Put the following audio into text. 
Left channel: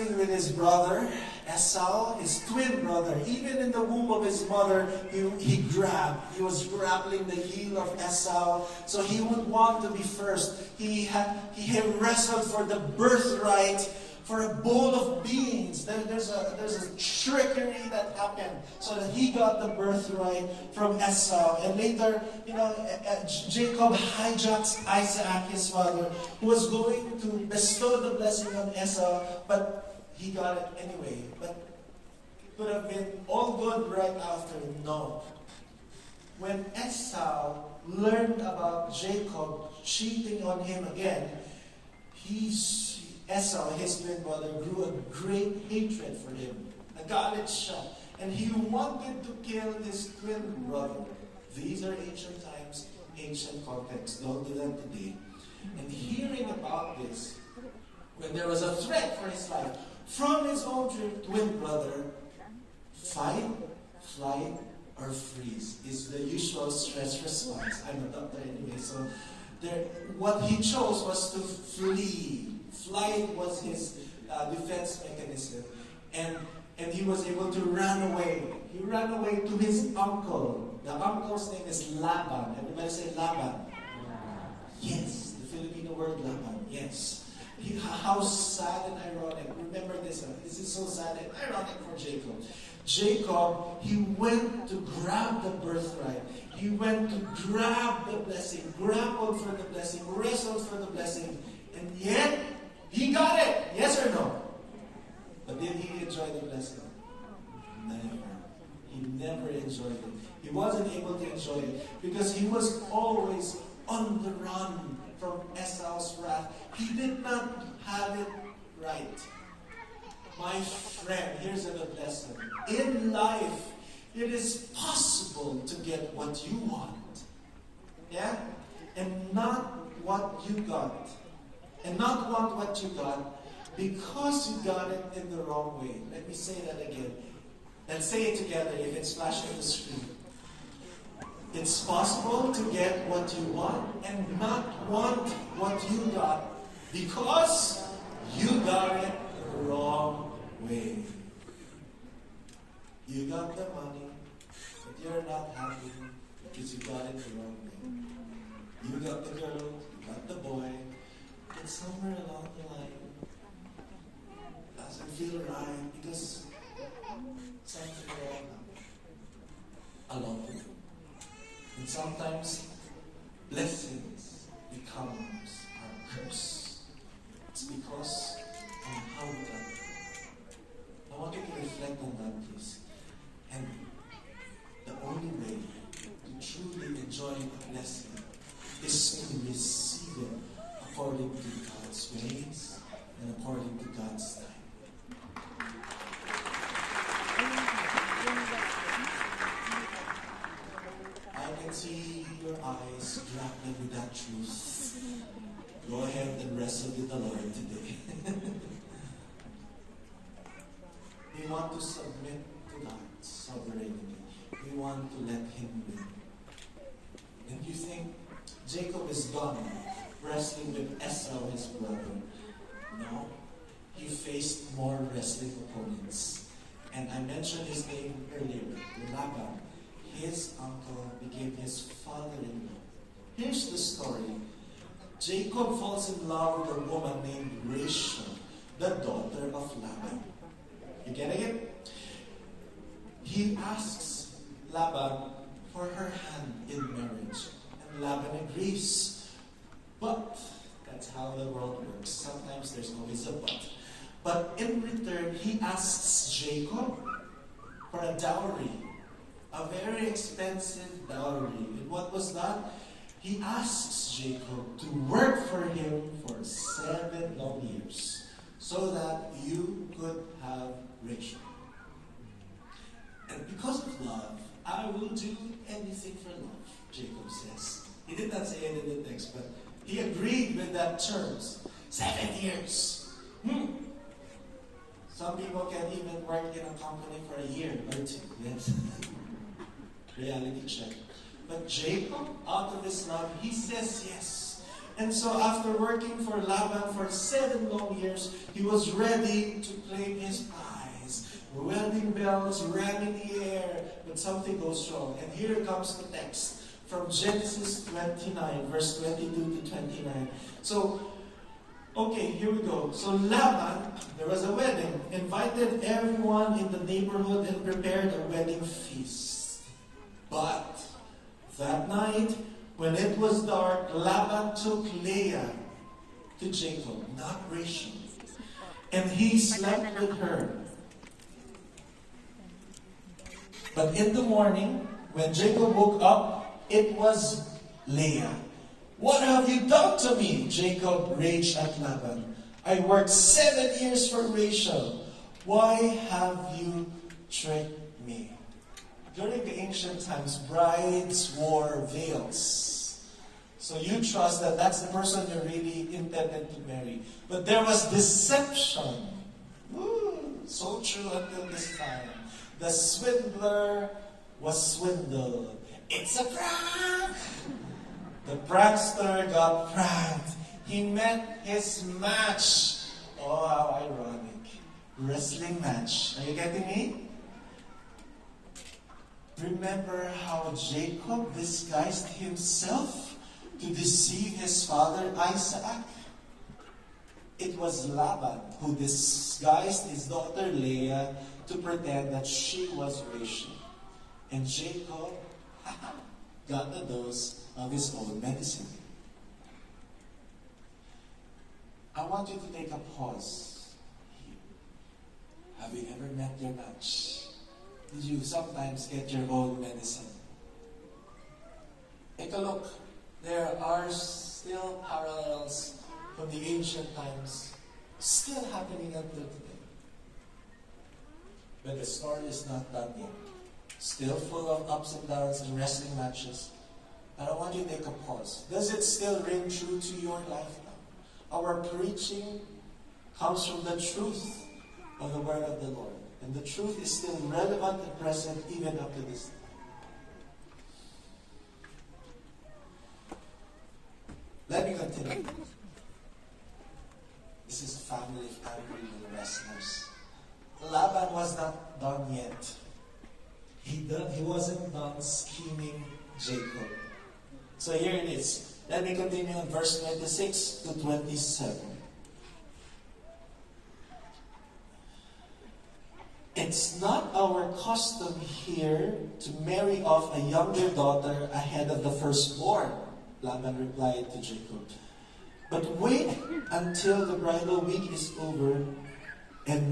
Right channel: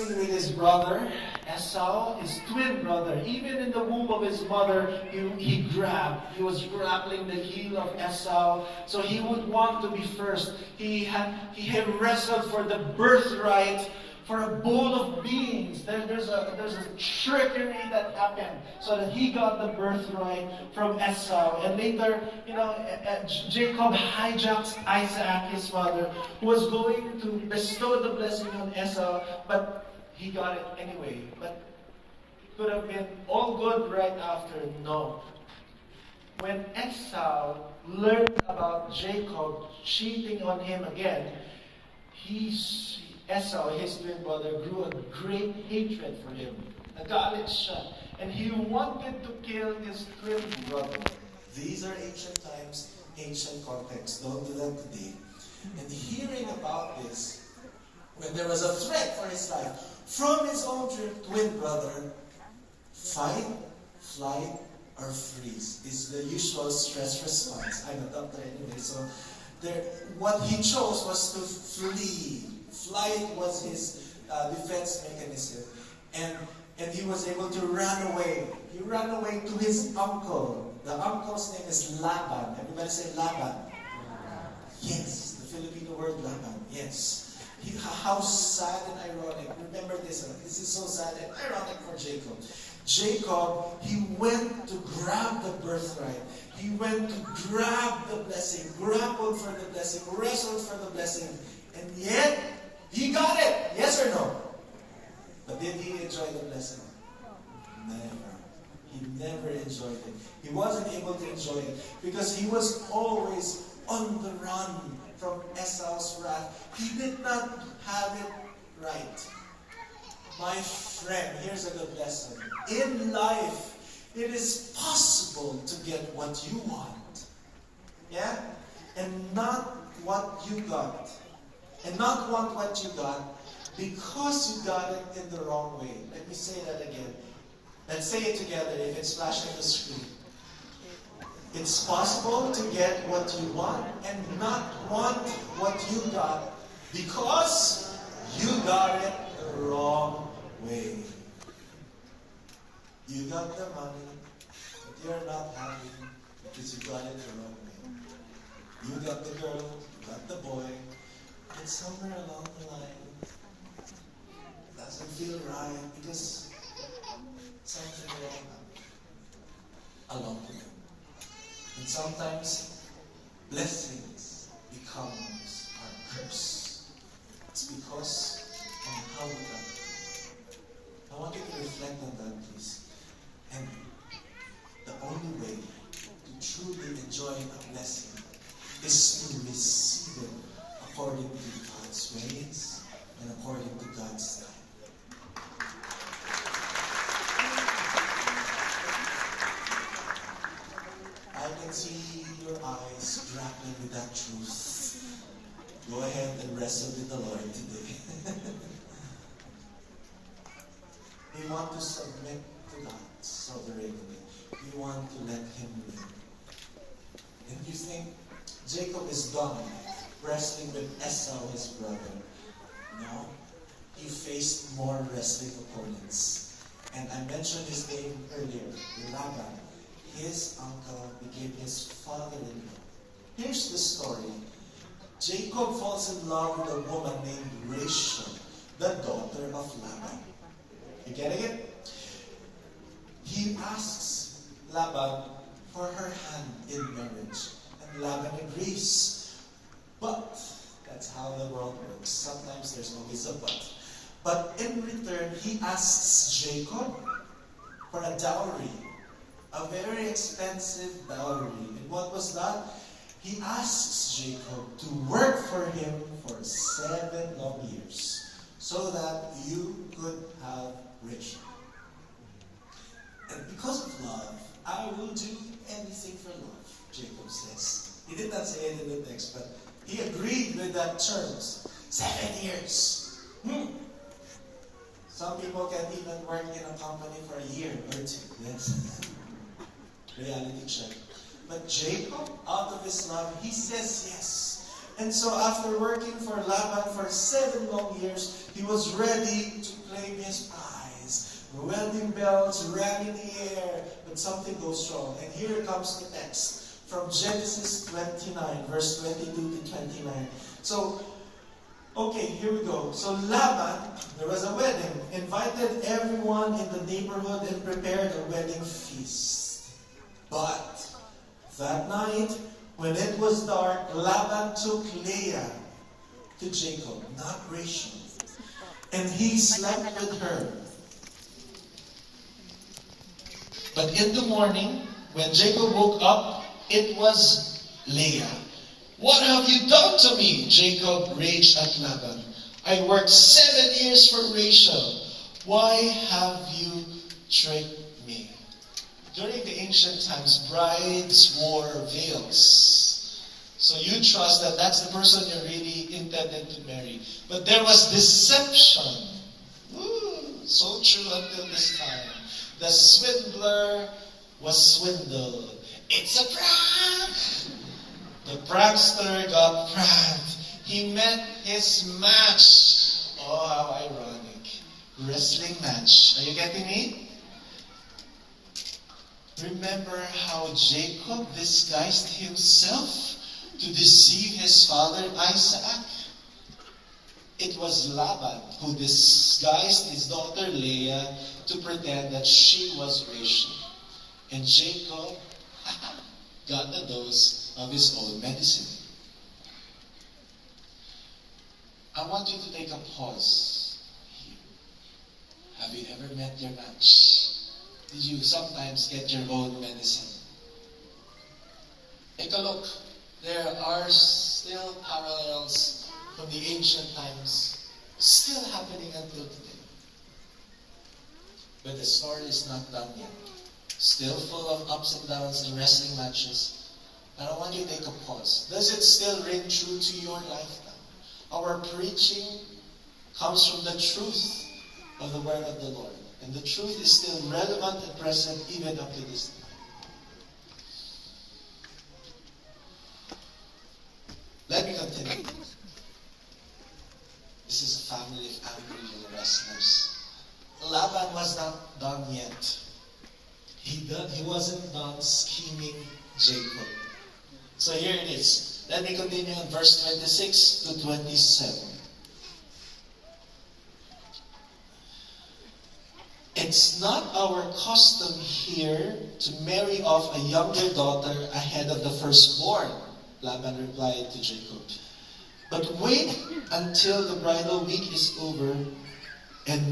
wrestling with his brother, Esau, his twin brother. Even in the womb of his mother, he was grappling the heel of Esau. So he would want to be first. He wrestled for the birthright, for a bowl of beans. There's a trickery that happened so that he got the birthright from Esau. And later, Jacob hijacks Isaac, his father, who was going to bestow the blessing on Esau, but he got it anyway. But it could have been all good right after. No. When Esau learned about Jacob cheating on him again, Esau, his twin brother, grew a great hatred for him. A garlic shot. And he wanted to kill his twin brother. These are ancient times, ancient context. Don't do that today. And hearing about this, when there was a threat for his life from his own twin brother, fight, flight, or freeze is the usual stress response. I'm a doctor anyway, so what he chose was to flee. Flight was his defense mechanism. And he was able to run away. He ran away to his uncle. The uncle's name is Laban. Everybody say Laban. Yes, the Filipino word Laban. Yes. How sad and ironic. Remember this. This is so sad and ironic for Jacob. Jacob, he went to grab the birthright. He went to grab the blessing, grappled for the blessing, wrestled for the blessing. And yet, he got it. Yes or no? But did he enjoy the blessing? Never. He never enjoyed it. He wasn't able to enjoy it because he was always on the run from Esau's wrath. He did not have it right. My friend, here's a good lesson. In life, it is possible to get what you want. Yeah? And not what you got. And not want what you got because you got it in the wrong way. Let me say that again. Let's say it together if it's flashing the screen. It's possible to get what you want and not want what you got because you got it the wrong way. You got the money, but you're not happy because you got it the wrong way. You got the girl, you got the boy, but somewhere along the line, it doesn't feel right because something wrong happened along the way. And sometimes blessings becomes our curse. It's because of how we got it. I want you to reflect on that, please. And the only way to truly enjoy a blessing is to receive it according to God's ways and according to God's time. I can see your eyes grappling with that truth. Go ahead and wrestle with the Lord today. We want to submit to God's sovereignty. We want to let Him win. And you think Jacob is done wrestling with Esau, his brother? No. He faced more wrestling opponents. And I mentioned his name earlier, Laban. His uncle became his father-in-law. Here's the story. Jacob falls in love with a woman named Rachel, the daughter of Laban. You getting it? He asks Laban for her hand in marriage. And Laban agrees. But, that's how the world works. Sometimes there's always a but. But in return, he asks Jacob for a dowry. A very expensive dowry. And what was that? He asks Jacob to work for him for 7 long years so that you could have Rachel. And because of love, I will do anything for love, Jacob says. He did not say it in the text, but he agreed with that terms. 7 years. Some people can even work in a company for a year or 2. Yes. Reality check. But Jacob, out of his love, he says yes. And so after working for Laban for 7 long years, he was ready to claim his prize. Wedding bells rang in the air, but something goes wrong. And here comes the text from Genesis 29, verse 22 to 29. So, okay, here we go. So Laban, there was a wedding, invited everyone in the neighborhood and prepared a wedding feast. But that night, when it was dark, Laban took Leah to Jacob, not Rachel, and he slept with her. But in the morning, when Jacob woke up, it was Leah. "What have you done to me?" Jacob raged at Laban. "I worked 7 years for Rachel. Why have you tricked me?" During the ancient times, brides wore veils. So you trust that that's the person you really intended to marry. But there was deception. Ooh, so true until this time. The swindler was swindled. It's a prank! The prankster got pranked. He met his match. Oh, how ironic. Wrestling match. Are you getting me? Remember how Jacob disguised himself to deceive his father Isaac? It was Laban who disguised his daughter Leah to pretend that she was Rachel. And Jacob got a dose of his own medicine. I want you to take a pause here. Have you ever met your match? Did you sometimes get your own medicine? Take a look. There are still parallels from the ancient times, still happening until today. But the story is not done yet. Still full of ups and downs and wrestling matches. But I want you to take a pause. Does it still ring true to your life now? Our preaching comes from the truth of the word of the Lord. And the truth is still relevant and present even up to this time. Let me continue. This is a family of angry little wrestlers. Laban was not done yet. He wasn't done scheming Jacob. So here it is. Let me continue in verse 26 to 27. It's not our custom here to marry off a younger daughter ahead of the firstborn, Laban replied to Jacob. But wait until the bridal week is over and